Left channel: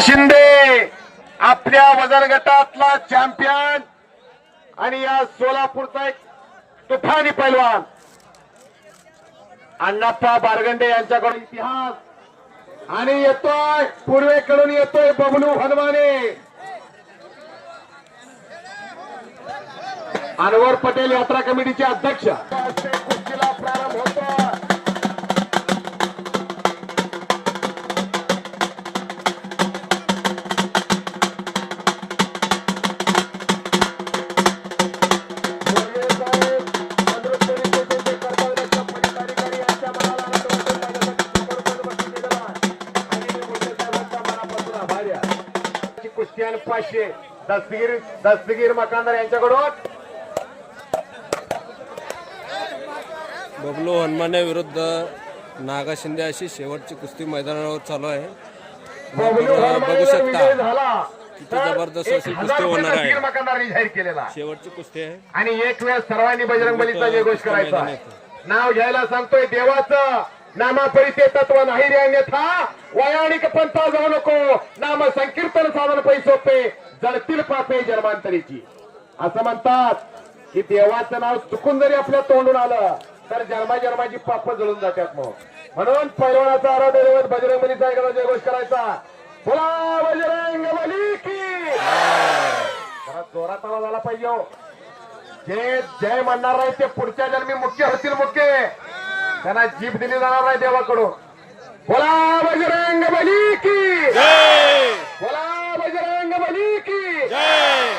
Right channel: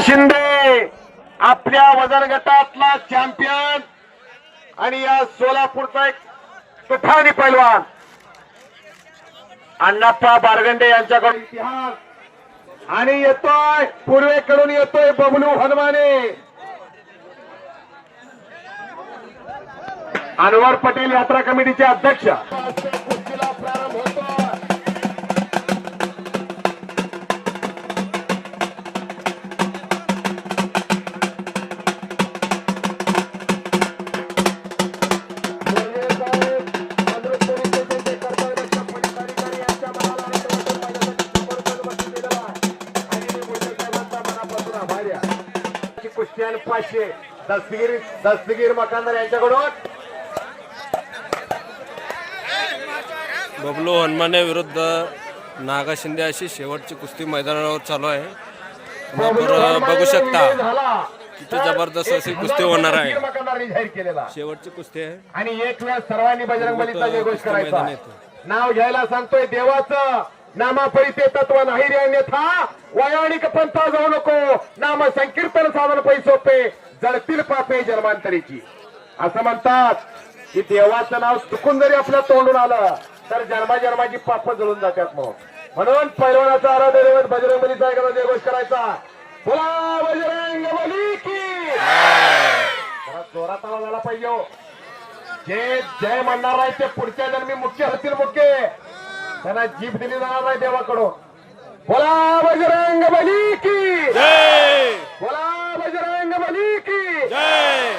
शिंदे आपल्या वजन गटातला चॅम्पियन आणि या सोलापूरचा एक तुफानी पैलवान. अण्णाप्पा बारगंडे यांच्याकडून इतिहास. आणि येतोय पूर्वेकडून येतोय बबलू हनुमाने. अनवर पटेल यात्रा कमिटीचे अध्यक्ष. कुस्त्यान पाचशे. दस्तगीर दस्तगीर मकानदार यांच्याकडून. बबलू हनुमाने विरुद्ध नागा शिंदे अशी शेवटची कुस्ती मैदानावर चालू आहे. बघू शकता. किती जबरदस्त अशी कुस्ती होणार आहे. शेवटची कुस्ती आहे. आणि एक वेळ सर्वांनी बजरंग. नाव घ्यायला सांगतोय देवाचं. नामा नामापरिते तत्व नाही रे अन्यथा. वयानिक पंथा जाऊ नको. नाम संकीर्तन साधन पैसोपे जळतील पापे जन्मांतरीची. असं म्हणतात की देवाचं नाव चुकून जरी आपल्या तोंडून आलं तर जन्माजन्माची पाप जळून जातात मग. म्हणून पैलवानाचा आराध्य दैवत बजरंग बलीचा एकदा जयघोष करायचा. बोला बजरंग बली की. जरा जोरात आवाज आला पाहिजे हो. जे जय म्हणणार नाही ते पुढच्या जन्मी मुख्य होतील मुख्य. त्यांना जीभ दिली जाणार नाही देवाकडून. बोला बजरंग बली की. जय. बोला बजरंग बली की. जय.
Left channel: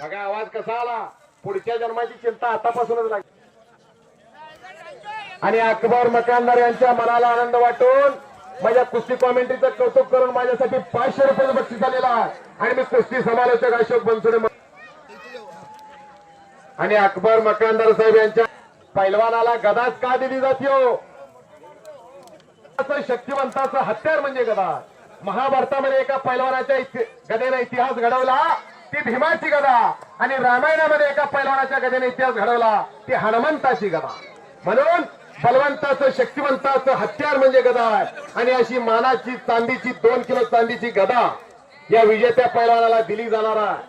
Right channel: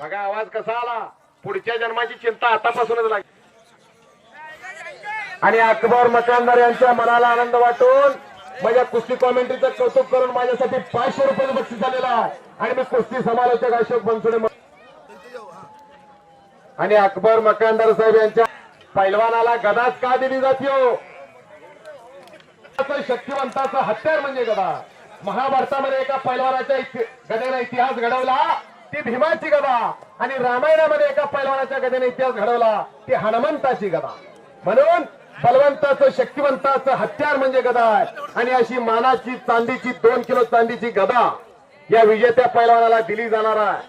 बघा आवाज कसा आला. पुढच्या जन्माची चिंता आतापासूनच लागली. आणि अकबर मकानदार यांच्या मनाला आनंद वाटून माझ्या कुस्ती कॉमेंट्रीचं कौतुक करून माझ्यासाठी पाचशे रुपये बक्षीस आलेला आणि मी कुस्ती समालोचक अशोक बनसोडे आणि अकबर मकानदार साहेब यांच्या पैलवानाला गदाच का दिली जाते? शक्तिवंताचं हत्यार म्हणजे गदा महाभारतामध्ये एका पैलवानाच्या इति- गदेने इतिहास घडवला ती भीमाची गदा. आणि रामायणामध्ये एका पैलवानाच्या गदेने इतिहास घडवला ती हनुमंताची गदा. म्हणून बलवंताचं शक्तिवंताचं हत्यार म्हणजे गदा आहे आणि अशी मानाची चांदीची दोन किलो चांदीची गदा या विजेत्या पैलवानाला दिली जाणार आहे.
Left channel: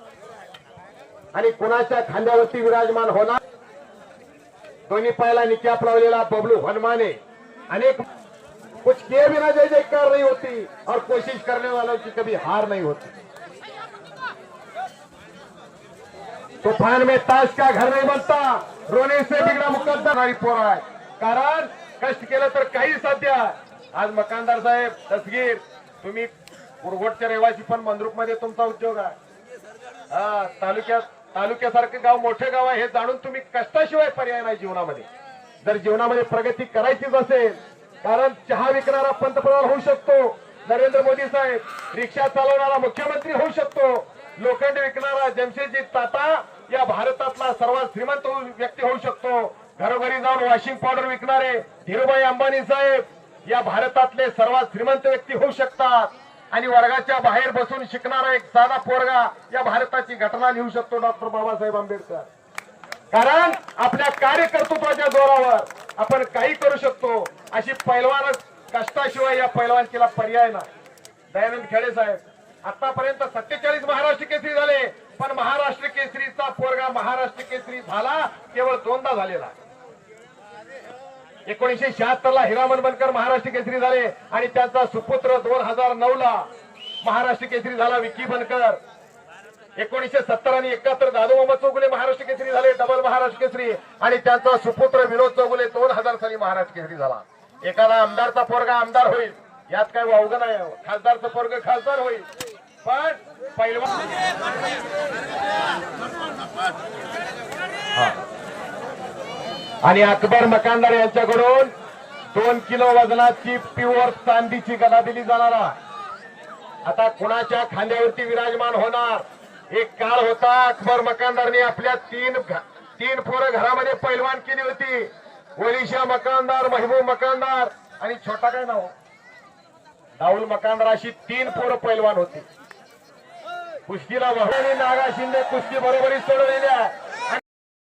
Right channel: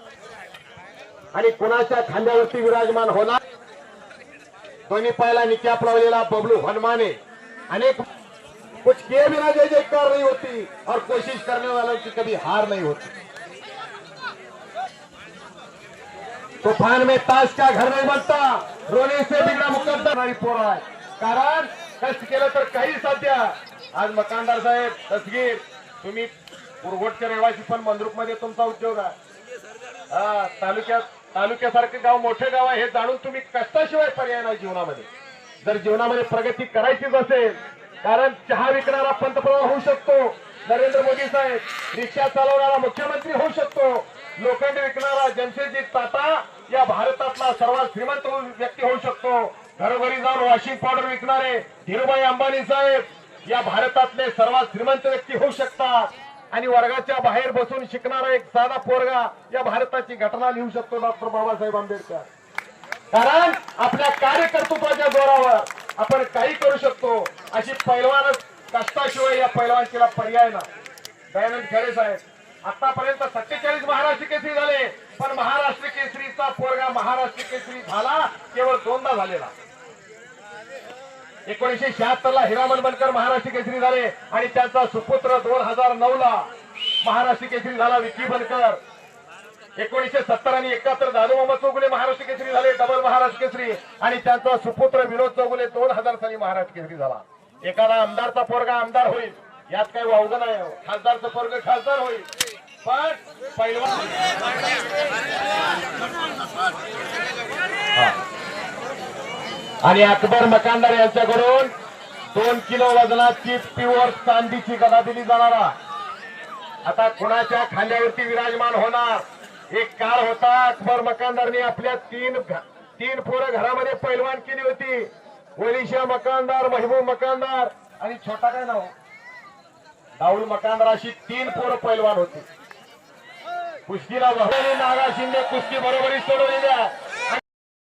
आणि कुणाच्या खांद्यावरती विराजमान होणार? दोन्ही पायाला नित्याप लावलेला बबलू हनुमाने. अनेक कुछ किए बिना जय जयकार नहीं होती. और कोशिश करने वालों की कभी हार नहीं होती. तूफान में ताश का घर नहीं बनता. रोने से बिगड़ा मुकद्दर. पोरा आहे कारण कष्ट केलं तर काही साध्य. आज मकानदार साहेब दसगीर तुम्ही कुरगोटचे रहिवासी पण मंद्रुपमध्ये तुमचा उद्योग आहे. हा तालुक्यात तालुक्यासारखं गाव मोठं गाव आहे हे जाणून तुम्ही कष्टाशिवाय पर्याय नाही जीवनामध्ये. जर जीवनामध्ये प्रगती करायचीच असेल कारण चहा विकणारा पंतप्रधान होऊ शकतो नरेंद्र मोदी साहेब रिक्षा चालवणारा मुख्यमंत्री होऊ शकतो लोखंड विकणारा जमशेदजी टाटा या भारतातला सर्वात श्रीमंत व्यक्ती होऊ शकतो. घरोघरी जाऊन वॉशिंग पावडर विकणारे धीरुभाई अंबानी साहेब या भारतातले सर्वात श्रीमंत व्यक्ती होऊ शकतात. आणि वर्गाच्या बाहेर बसून शिकणारा एक साधा पोरगा या भारताची घटना लिहू शकतो डॉक्टर बाबासाहेब आंबेडकर. कारण आपल्या कार्यकर्तृत्वाच्या जोरावर आपण काही करू शकतो अशी पैलवानच कष्टाशिवाय या पैलवानकीला पर्याय ना दयानंद खेडे साहेब आतापर्यंत सत्तेचाळीस महाराष्ट्र केसरी झाले पण महाराष्ट्र केसरीचा पोरगा महाराष्ट्र केसरी झाला केवळ दोनदा झालेला. एकोणीशे शहात्तर ला हिरामन बनकर महाराष्ट्र केसरी झाले आणि त्यांचा सुपुत्र दोन हजार नऊ ला महाराष्ट्र केसरी झाला विकी बनकर. एकोणीशे सत्तर आणि एकाहत्तर दादू मोहम्मद चौगुले महाराष्ट्र केसरी झाले डबल महाराष्ट्र केसरी. आणि त्यांचा सुपुत्र विनोद चौगुले दोन हजार साली महाराष्ट्र केसरी झाला. एखादा आमदारचा पोरगा आमदार होईल. यात काही वावगं नाही. खासदारचा खासदारचं पोरग खासदार होईल. पण पहिलवान हा. आणि अकबर मकानदार यांच्याकडून दोन किलो वजनाची प्युअर चांदीची गदा दिली जाणार आता कुणाच्या खांद्यावरती विराजमान होणार? एक काळ होता अकबर मकानदारने आपल्या तीन तीन पोरं घरामध्ये पैलवान केली होती. ओलिशा मकानदार महबूब मकानदार आणि छोटा काय नाव? राहुल मकानदार अशी तीन पोरं पैलवान होती. कुस्तीला वहलेली नागा शिंदे कुस्ती बरोबरी सोडवलेल्या